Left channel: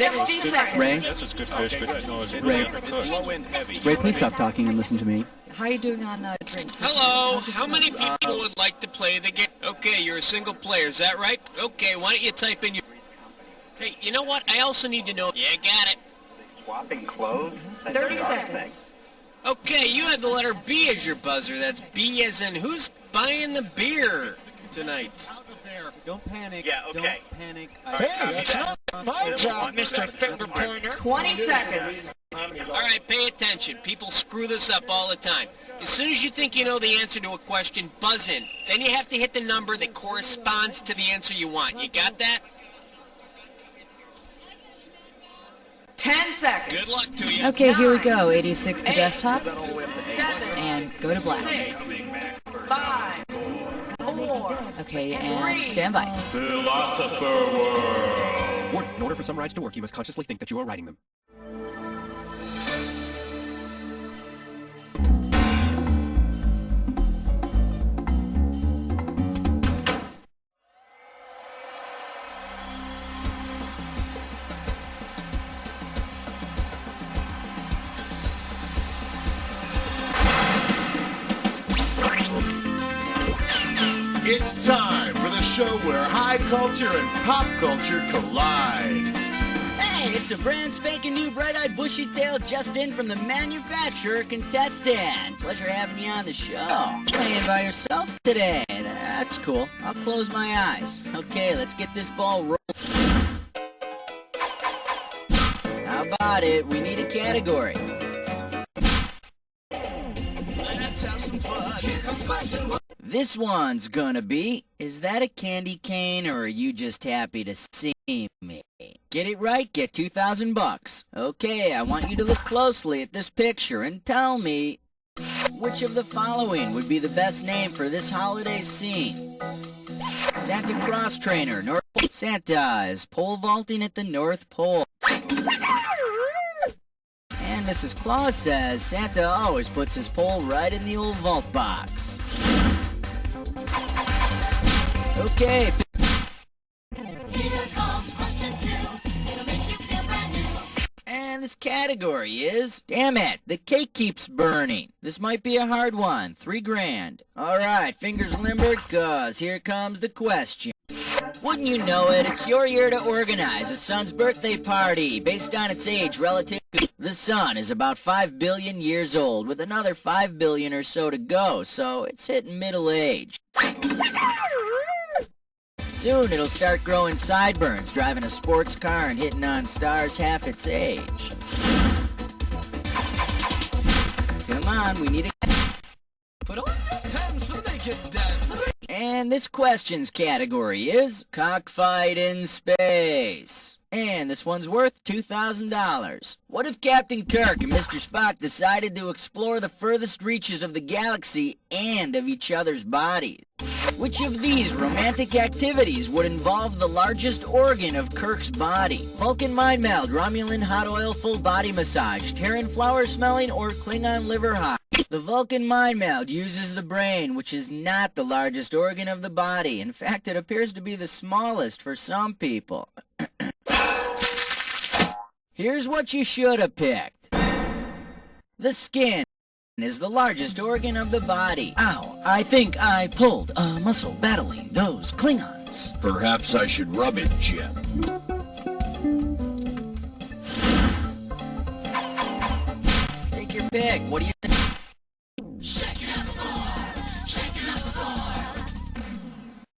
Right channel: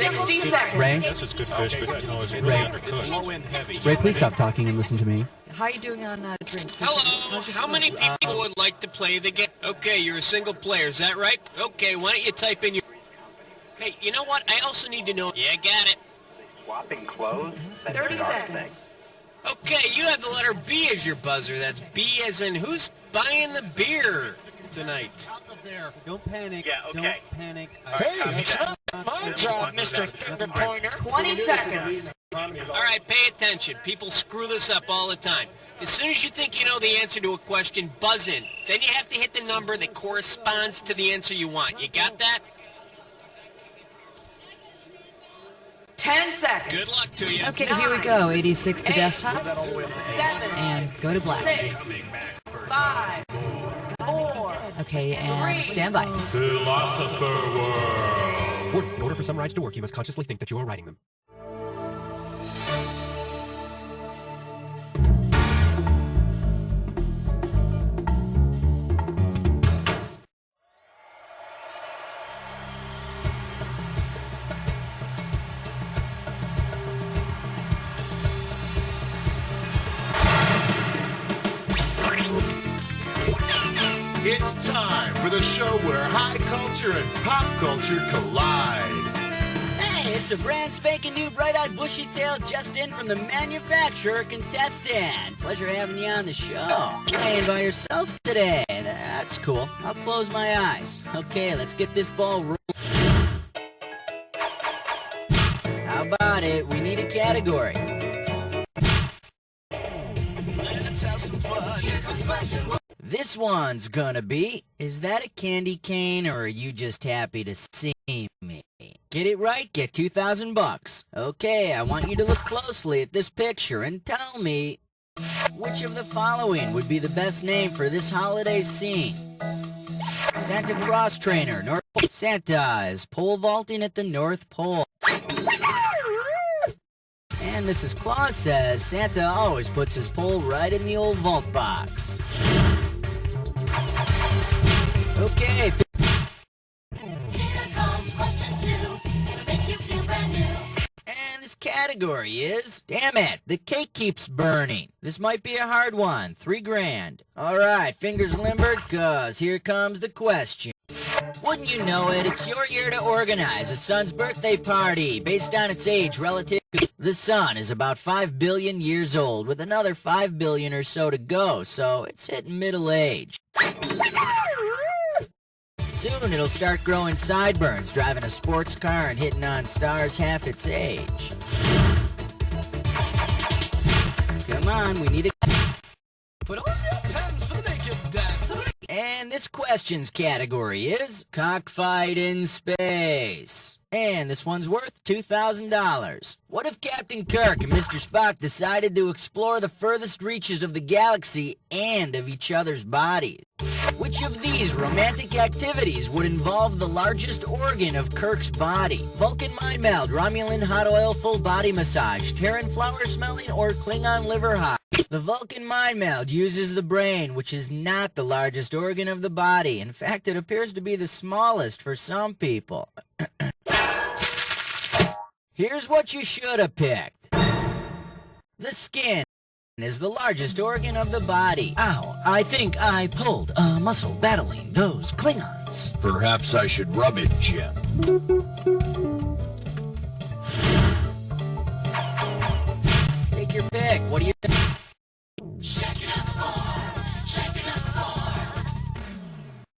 60 seconds. Ray? Yes, it's good fish, but no, it's Ray. It's low-end heavy. Ray, please stop talking and listen to me. How are you doing on drinks? Hello, how many people would like to play the game? Okay, you're a single player, is that right? Okay, why don't you type in your... Hey, you know what? I also need to know... Yeah, got it. Swapping clothes? 30 seconds. Okay, you have the letter B as your buzzer. That's B as in who's buying the beer tonight? Don't panic. Yeah, okay. Don't panic. Hey, it's not my job, Mr. Finger Pointer. 20 seconds. All right, pay attention. People screw this up all the time. As soon as you think you know the answer to a question, buzz in. Then you have to hit the number that corresponds to the answer you want. You got that? 10 seconds. Good luck to you. Okay, here we go. 86 the desktop. 7, And go to black. 6, 5, 4. Okay, and stand by. Philosopher World. Warning, in order for some rides to work, you must consciously think that you are riding them. It's time for the show where high culture and pop culture collide. Hey, it's a brand spanking new bright-eyed bushy-tailed just in from the manufacturer contestant. Pleasure having you on the show. Playing by yourself today. That's cool. I'll close my eyes. Okay, let's get this ball rolling. How about it? We need a category. Let's have some fun. Here comes question one. This one's gonna be, is that a candy cane or are you just happy to see me? Get it right, get 2,000 bucks. Okay, I want you to look closely at this picture and tell me which of the following would be the best name for this holiday scene. Santa Claus trainer, North Pole. Santa is pole vaulting at the North Pole. And Mrs. Claus says Santa always puts his pole right in the old vault box. Okay. Here comes question 2. It'll make you feel brand new. And this category is... Damn it, the cake keeps burning. This might be a hard one. 3 grand. Alright, fingers limbered, cause here comes the question. Wouldn't you know it, it's your year to organize a sun's birthday party based on its age relative to... The sun is about 5 billion years old, with another 5 billion or so to go, so it's hitting middle age. Soon it'll start growing sideburns, driving a sports car and hitting on stars half its age. Come on, we need a... Put on your pens for the naked dance. And this question's category is cockfight in space. And this one's worth $2,000. What if Captain Kirk and Mr. Spock decided to explore the furthest reaches of the galaxy and of each other's bodies? Which of these romantic activities would involve the largest organ of Kirk's body? Vulcan mind meld, Romulan hot oil full body massage, Terran flower smelling, or Klingon liver hot? The Vulcan mind meld uses the brain, which is not the largest organ of the body. In fact, it appears to be the smallest for some people. Here's what you should have picked. The skin is the largest organ of the body. Ow, I think I pulled a muscle battling those Klingons. Perhaps I should rub it, Jim. Take your pick. What do you think? Shaking up the floor. Shaking up the floor.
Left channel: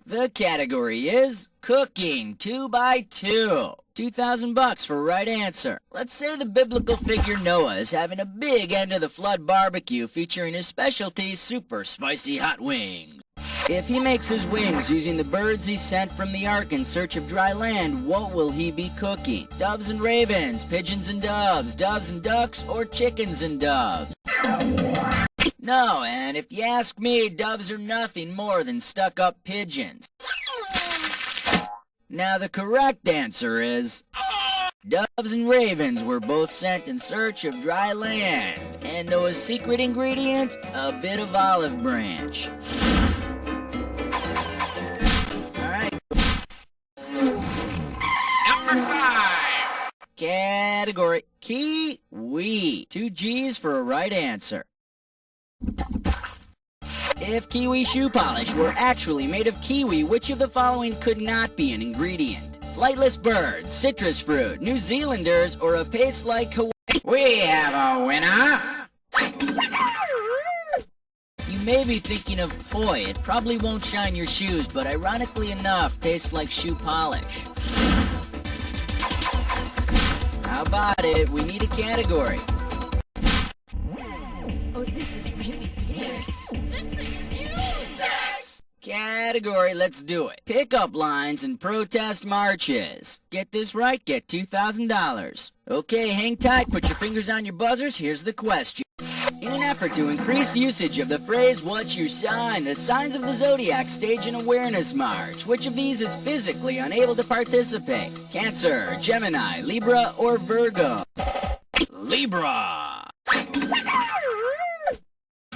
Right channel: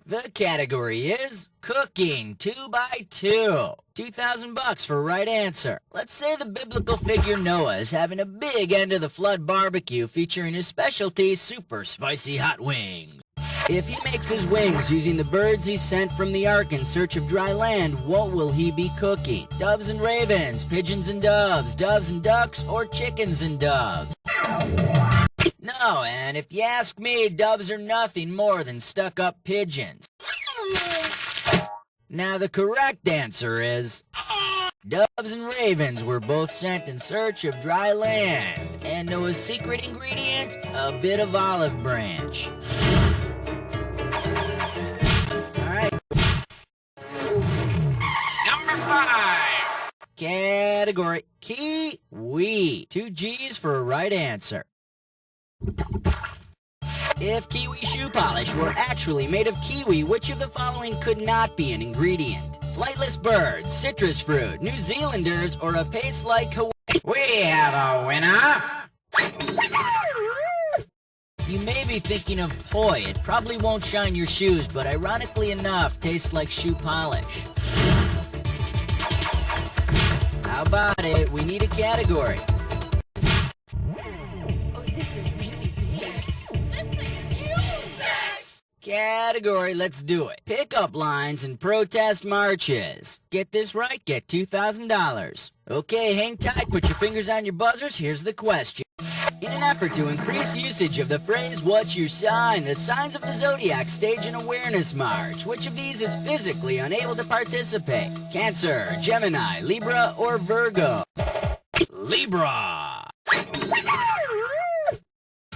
The category is cooking 2x2. 2,000 bucks for right answer. Let's say the biblical figure Noah is having a big end of the flood barbecue featuring his specialty super spicy hot wings. If he makes his wings using the birds he sent from the ark in search of dry land, what will he be cooking? Doves and ravens, pigeons and doves and ducks, or chickens and doves? No, and if you ask me, doves are nothing more than stuck-up pigeons. Now the correct answer is... Doves and ravens were both sent in search of dry land. And Noah's secret ingredient? A bit of olive branch. Alright. Number 5. Category, kiwi. 2 G's for a right answer. If kiwi shoe polish were actually made of kiwi, which of the following could not be an ingredient? Flightless birds, citrus fruit, New Zealanders, or a paste like Hawaii? We have a winner! You may be thinking of poi. It probably won't shine your shoes, but ironically enough, tastes like shoe polish. How about it? We need a category. Oh, this is really big. This thing is huge! Category, let's do it. Pickup lines and protest marches. Get this right, get $2,000. Okay, hang tight, put your fingers on your buzzers, here's the question. In an effort to increase usage of the phrase, what's your sign, the signs of the zodiac stage an awareness march. Which of these is physically unable to participate? Cancer, Gemini, Libra, or Virgo? Libra!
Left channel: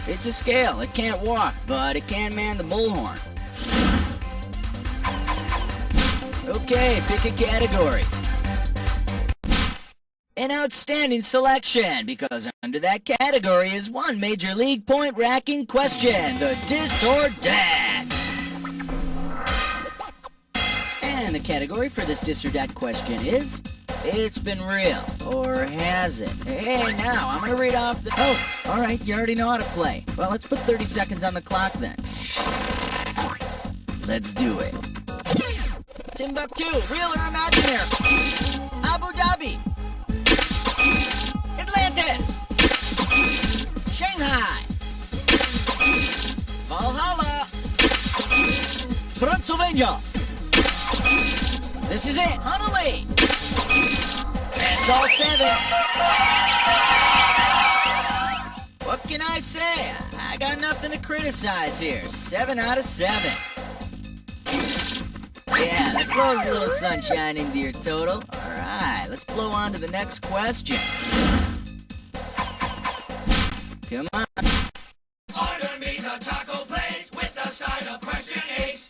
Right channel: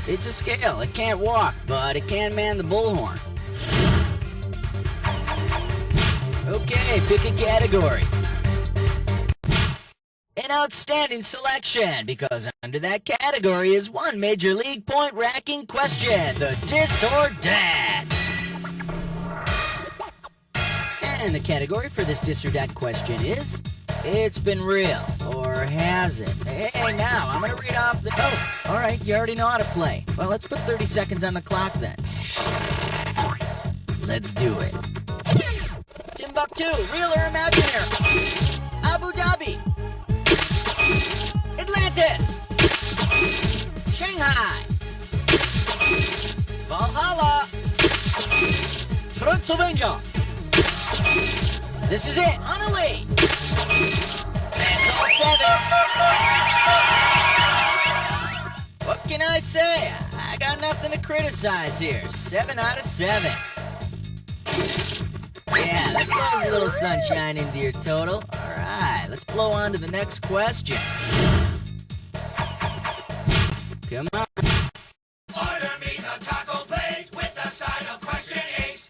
It's a scale. It can't walk, but it can man the bullhorn. Okay, pick a category. An outstanding selection, because under that category is one major league point-racking question, the dis or dat. And the category for this dis or dat question is, it's been real, or has it? Hey, now, I'm gonna read off the... Oh, alright, you already know how to play. Well, let's put 30 seconds on the clock then. Let's do it. Timbuktu, real or imaginary? Abu Dhabi. Atlantis! Shanghai! Valhalla! Transylvania! This is it, Honolulu! That's all 7. What can I say? I got nothing to criticize here. 7 out of 7. Yeah, that blows a little sunshine into your total. Alright, let's blow on to the next question. Come on. Order me the taco plate with the side of question 8.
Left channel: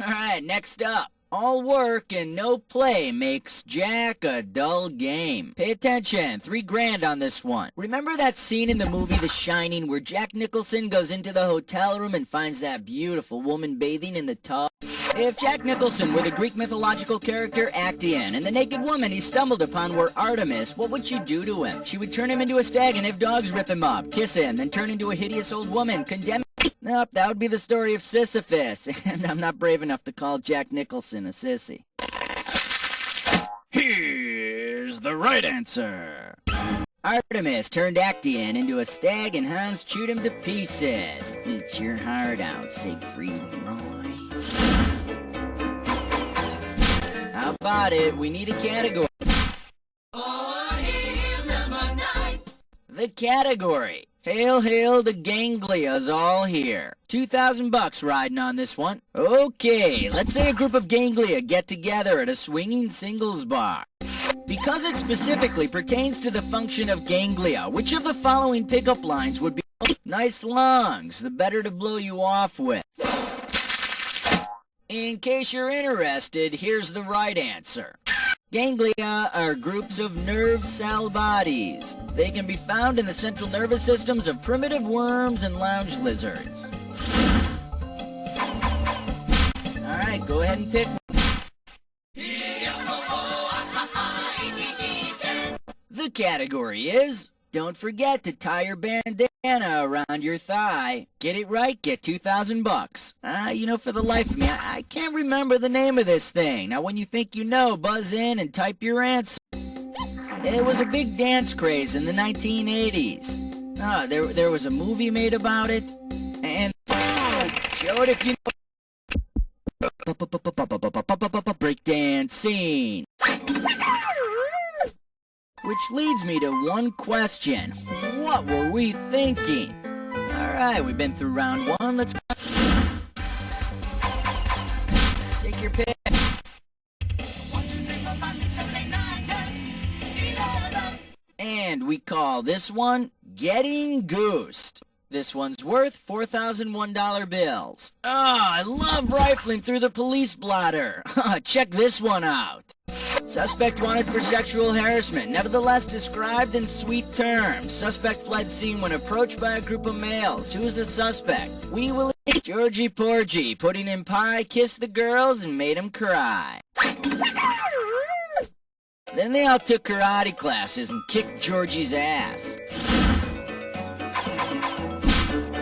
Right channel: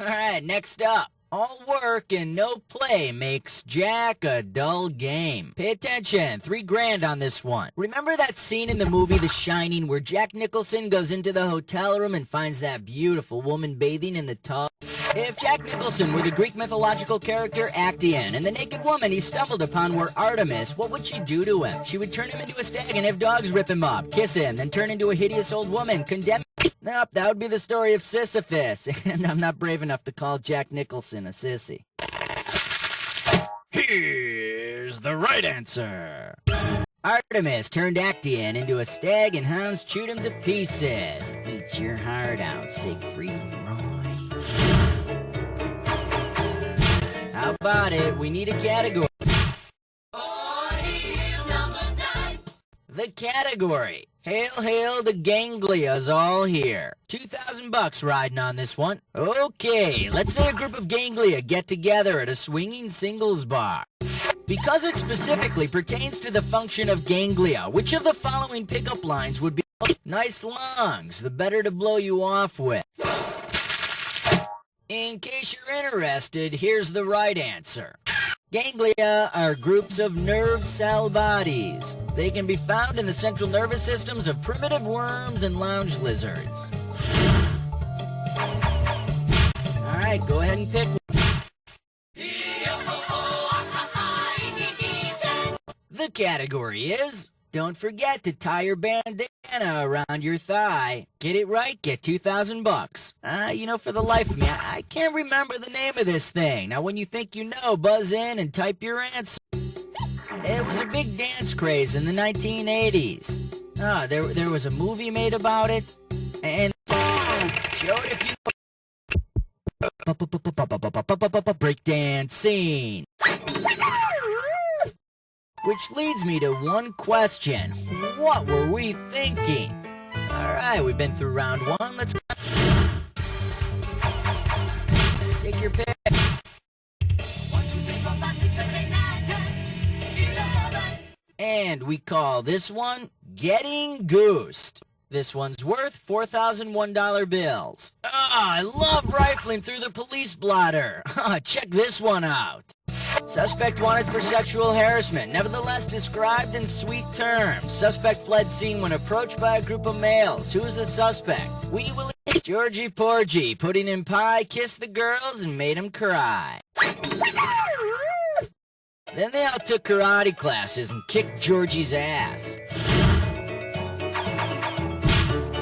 Alright, next up. All work and no play makes Jack a dull game. Pay attention, $3,000 on this one. Remember that scene in the movie The Shining where Jack Nicholson goes into the hotel room and finds that beautiful woman bathing in the tub? If Jack Nicholson were the Greek mythological character Actaeon, and the naked woman he stumbled upon were Artemis, what would she do to him? She would turn him into a stag and have dogs rip him up, kiss him, then turn into a hideous old woman, condemn him. Nope, that would be the story of Sisyphus, and I'm not brave enough to call Jack Nicholson a sissy. Here's the right answer. Artemis turned Actaeon into a stag and hounds chewed him to pieces. Eat your heart out, Siegfried Roy. How about it? We need a category. Oh, here's number 9. The category. Hail, hail, the ganglia's all here. $2,000 riding on this one. Okay, let's say a group of ganglia get together at a swinging singles bar. Because it specifically pertains to the function of ganglia, which of the following pickup lines would be nice lungs, the better to blow you off with? In case you're interested, here's the right answer. Ganglia are groups of nerve cell bodies. They can be found in the central nervous systems of primitive worms and lounge lizards. Alright, go ahead and pick one. The category is, don't forget to tie your bandana around your thigh. Get it right, get $2,000. You know, for the life of me, I can't remember the name of this thing. Now, when you think you know, buzz in and type your answer. It was a big dance craze in the 1980s. There was a movie made about it, and show it if you know. Breakdancing. Which leads me to one question. What were we thinking? Alright, we've been through round 1. Let's go. Take your pick. 1, 2, 3, 4, 5, 6, 7, 8, 9, 10, 11. And we call this one Getting Goosed. This one's worth $4,001 bills. I love rifling through the police blotter. Check this one out. Suspect wanted for sexual harassment, nevertheless described in sweet terms. Suspect fled scene when approached by a group of males. Who's the suspect? Wee Willie Georgie Porgy, putting in pie, kissed the girls, and made them cry. Then they all took karate classes and kicked Georgie's ass.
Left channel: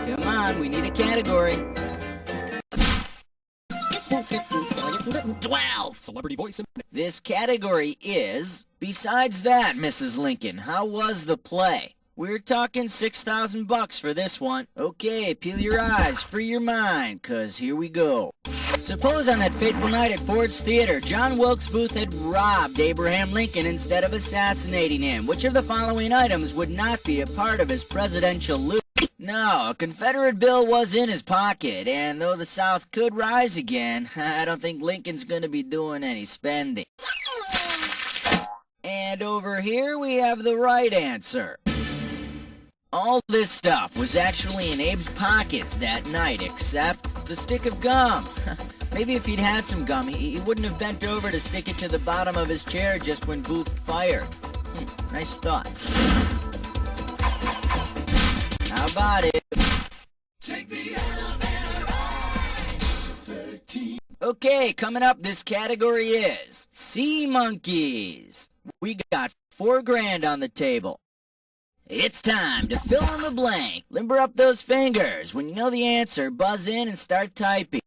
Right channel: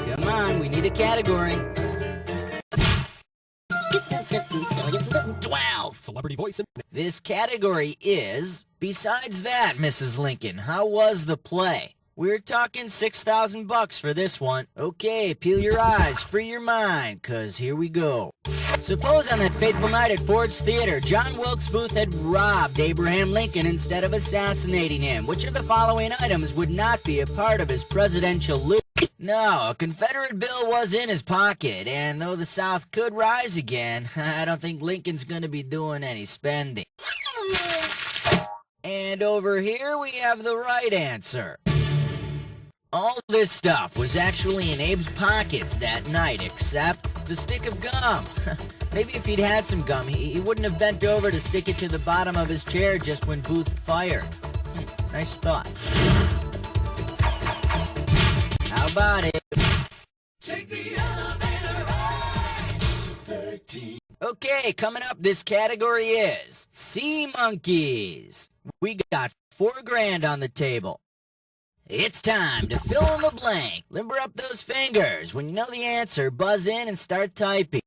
Come on, we need a category. 12. Celebrity voice. This category is, besides that, Mrs. Lincoln, how was the play? We're talking $6,000 for this one. Okay, peel your eyes, free your mind, 'cause here we go. Suppose on that fateful night at Ford's Theater, John Wilkes Booth had robbed Abraham Lincoln instead of assassinating him. Which of the following items would not be a part of his presidential loot? No, a Confederate bill was in his pocket, and though the South could rise again, I don't think Lincoln's gonna be doing any spending. And over here we have the right answer. All this stuff was actually in Abe's pockets that night, except the stick of gum. Maybe if he'd had some gum, he wouldn't have bent over to stick it to the bottom of his chair just when Booth fired. Nice thought. How about it? Take the elevator ride to 13. Okay, coming up, this category is Sea Monkeys. We got $4 grand on the table. It's time to fill in the blank. Limber up those fingers. When you know the answer, buzz in and start typing.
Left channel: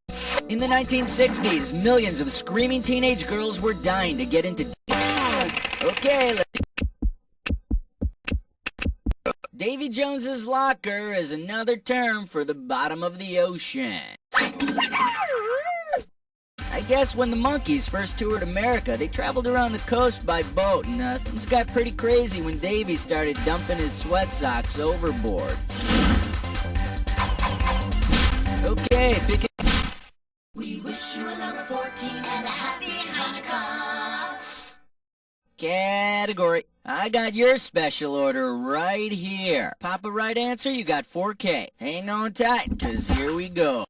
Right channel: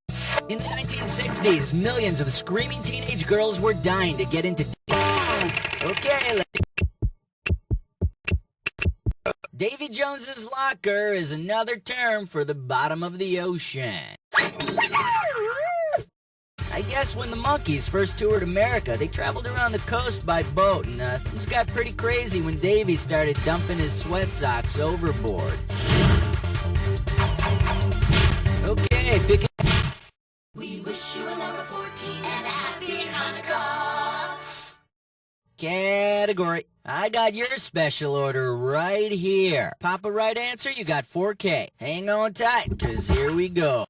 In the 1960s, millions of screaming teenage girls were dying to get into... Okay, let's... Davy Jones's locker is another term for the bottom of the ocean. I guess when the Monkees first toured America, they traveled around the coast by boat, and things got pretty crazy when Davy started dumping his sweat socks overboard. Okay, pick it. We wish you a number 14 and a happy Hanukkah. Category. I got your special order right here. Pop a right answer, you got $4K. Hang on tight, 'cause here we go.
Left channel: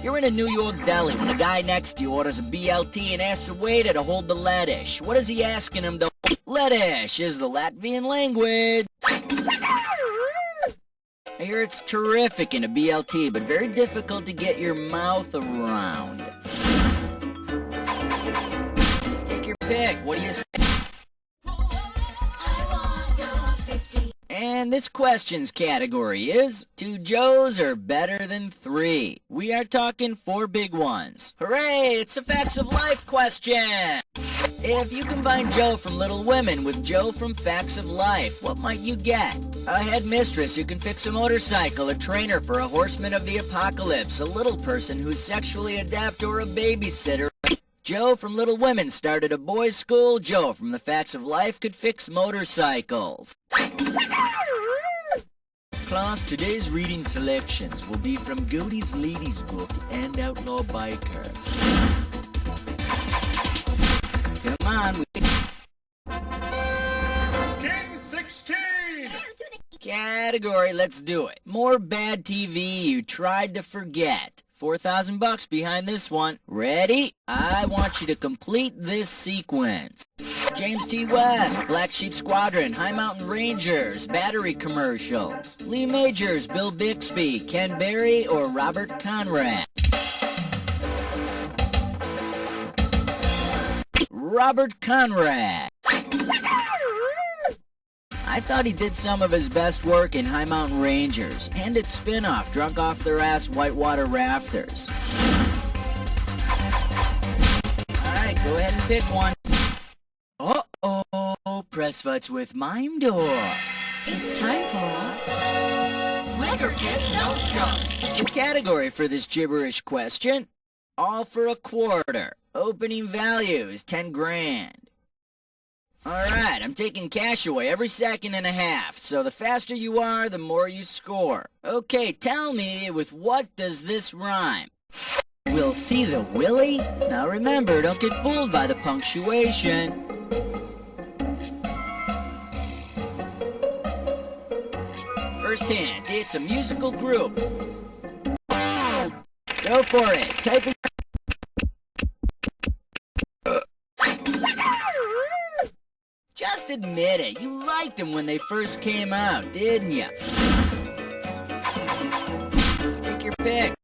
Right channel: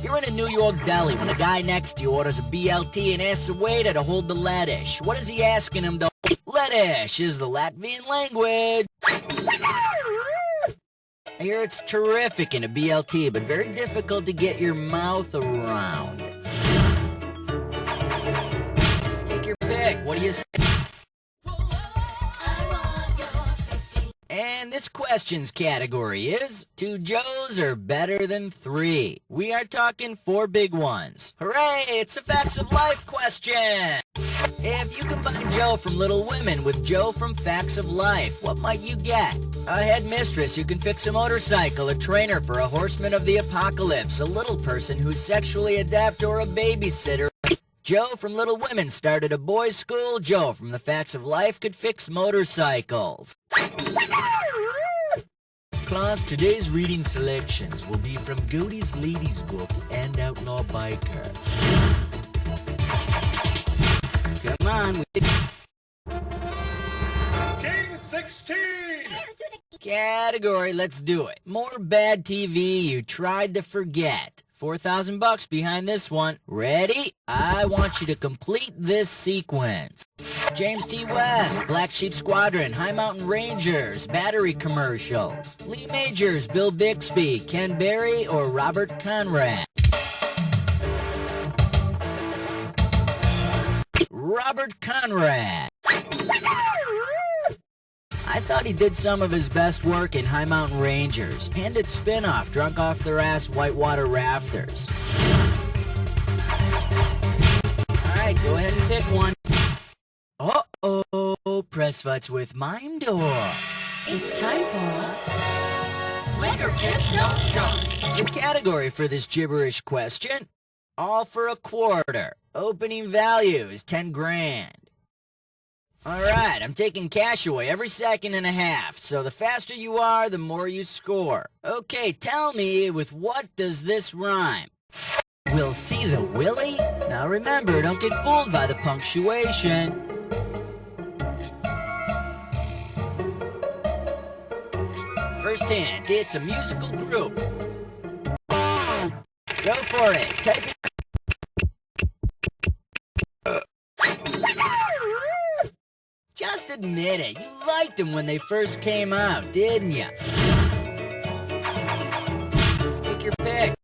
You're in a New York deli when a guy next to you orders a BLT and asks the waiter to hold the lettuce. What is he asking him to hold? Lettuce is the Latvian language. I hear it's terrific in a BLT, but very difficult to get your mouth around. Take your pick. What do you say? And this question's category is, 2 Joes are better than 3. We are talking 4 big ones. Hooray, it's a Facts of Life question! If you combine Joe from Little Women with Joe from Facts of Life, what might you get? A headmistress who can fix a motorcycle, a trainer for a horseman of the apocalypse, a little person who's sexually adept, or a babysitter. Joe from Little Women started a boys' school. Joe from the Facts of Life could fix motorcycles. Class, today's reading selections will be from Godey's Ladies Book and Outlaw Biker. Come on, King 16! Category, let's do it. More bad TV you tried to forget. $4,000 behind this one. Ready? I want you to complete this sequence. James T. West, Black Sheep Squadron, High Mountain Rangers, battery commercials. Lee Majors, Bill Bixby, Ken Berry, or Robert Conrad. Robert Conrad. I thought he did some of his best work in High Mountain Rangers and its spin-off, Drunk Off Their Ass Whitewater Rafters. Alright, go ahead and pick one. Uh-oh, press fights with Mime Door. It's time for Flicker Kiss Don't Stop. The category for this gibberish question, all for a quarter. Opening value is 10 grand. Alright, I'm taking cash away every second and a half, so the faster you are, the more you score. Okay, tell me, with what does this rhyme? We'll see the Willie? Now remember, don't get fooled by the punctuation. First hint, it's a musical group. Go for it, type it. Just admit it. You liked them when they first came out, didn't you? Take your pick.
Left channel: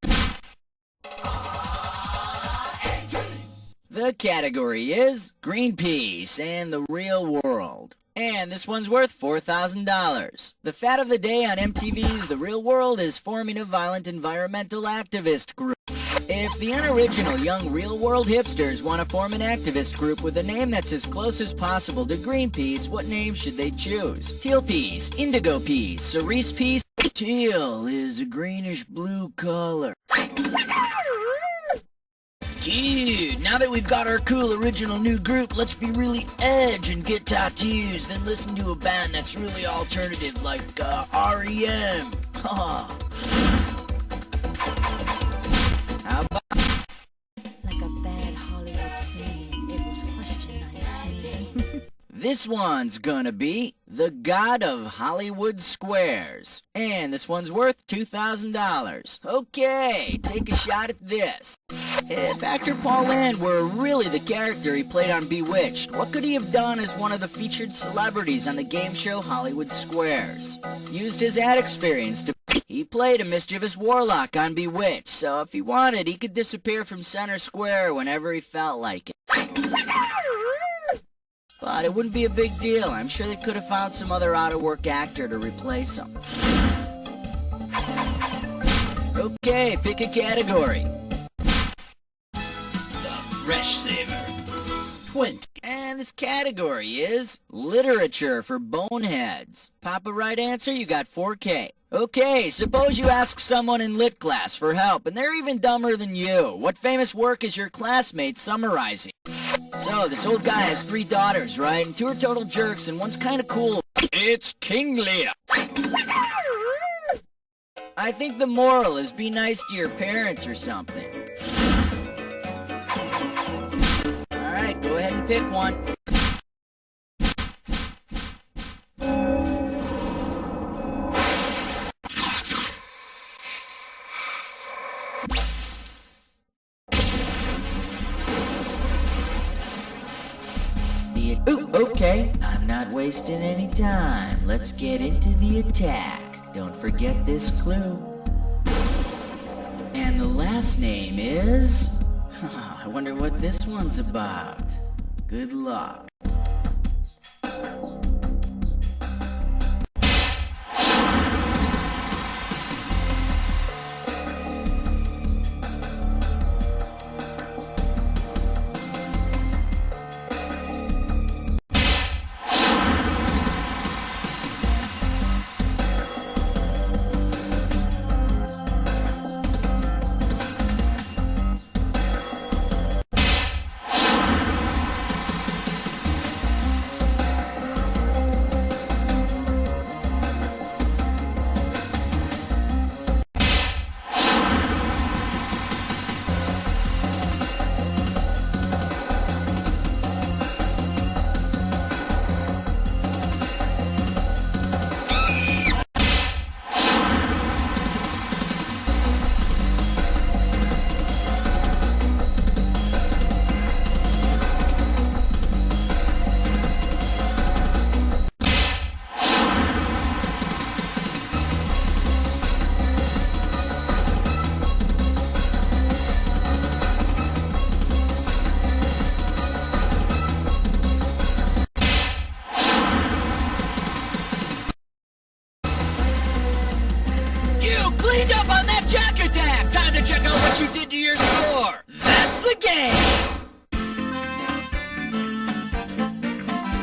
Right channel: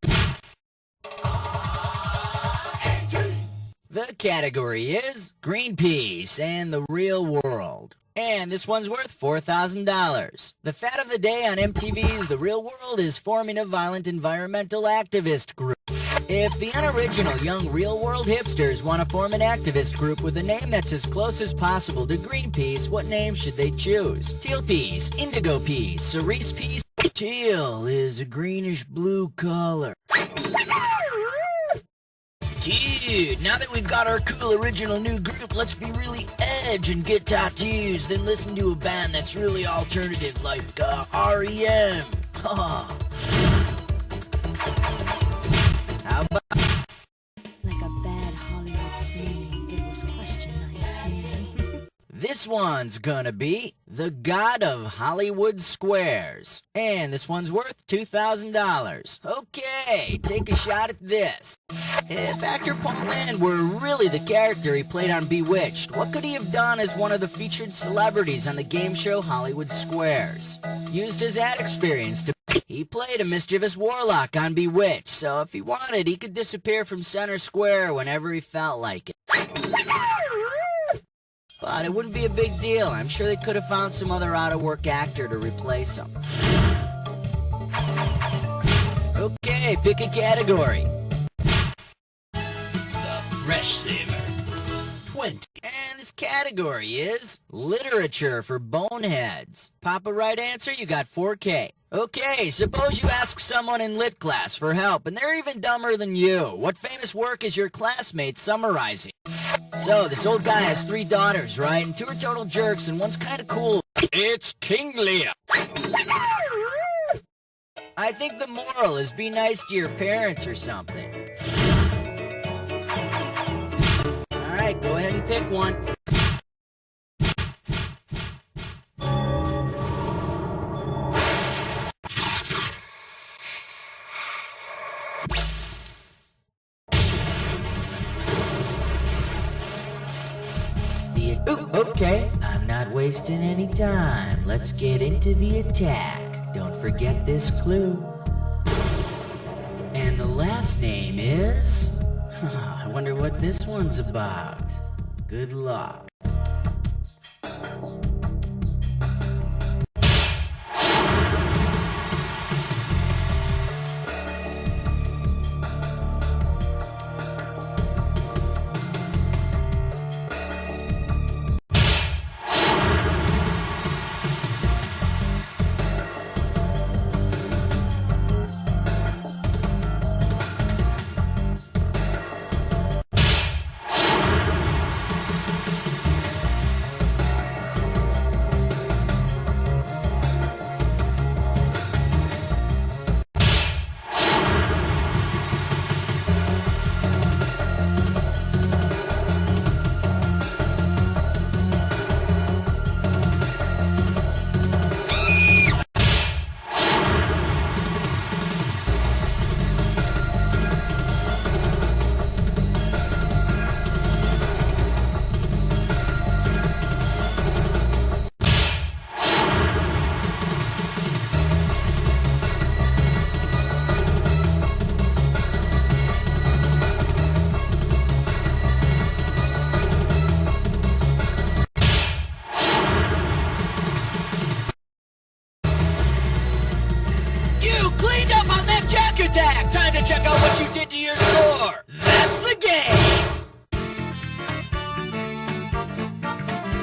The category is Greenpeace and the real world. And this one's worth $4,000. The fad of the day on MTV's The Real World is forming a violent environmental activist group. If the unoriginal young real world hipsters want to form an activist group with a name that's as close as possible to Greenpeace, what name should they choose? Teal Peace, Indigo Peace, Cerise Peace? Teal is a greenish blue color. Dude, now that we've got our cool original new group, let's be really edge and get tattoos, then listen to a band that's really alternative like REM. How about... Like a bad Hollywood scene, it was question 19. This one's gonna be The God of Hollywood Squares. And this one's worth $2,000. Okay, take a shot at this. If actor Paul Lynde were really the character he played on Bewitched, what could he have done as one of the featured celebrities on the game show Hollywood Squares? Used his ad experience to... He played a mischievous warlock on Bewitched, so if he wanted, he could disappear from center square whenever he felt like it. But it wouldn't be a big deal. I'm sure they could have found some other out-of-work actor to replace him. Okay, pick a category. Fresh Saver. 20. And this category is literature for boneheads. Pop a right answer, you got 4K. Okay, suppose you ask someone in lit class for help, and they're even dumber than you. What famous work is your classmate summarizing? So, this old guy has 3 daughters, right? And 2 are total jerks, and one's kinda cool. It's King Lear. I think the moral is be nice to your parents or something. Alright, go ahead and pick one. Ooh, okay, I'm not wasting any time. Let's get into the attack. Don't forget this clue. And the last name is... I wonder what this one's about. Good luck. Cleaned up on that jack attack! Time to check out what you did to your score! That's the game!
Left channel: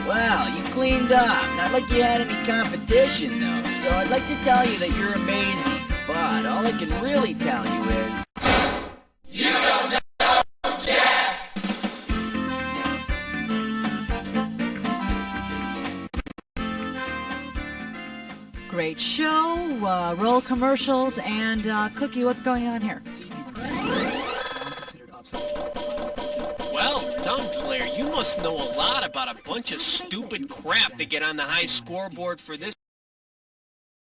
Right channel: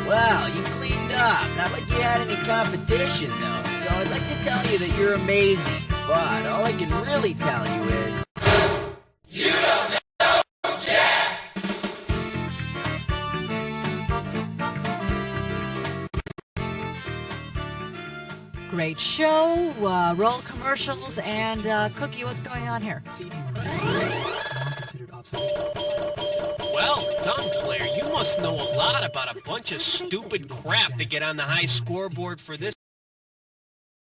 Well, you cleaned up. Not like you had any competition, though. So I'd like to tell you that you're amazing. But all I can really tell you is... You don't know jack! Great show, roll commercials, and Cookie, what's going on here? Well done, Claire. You must know a lot about a bunch of stupid crap to get on the high scoreboard for this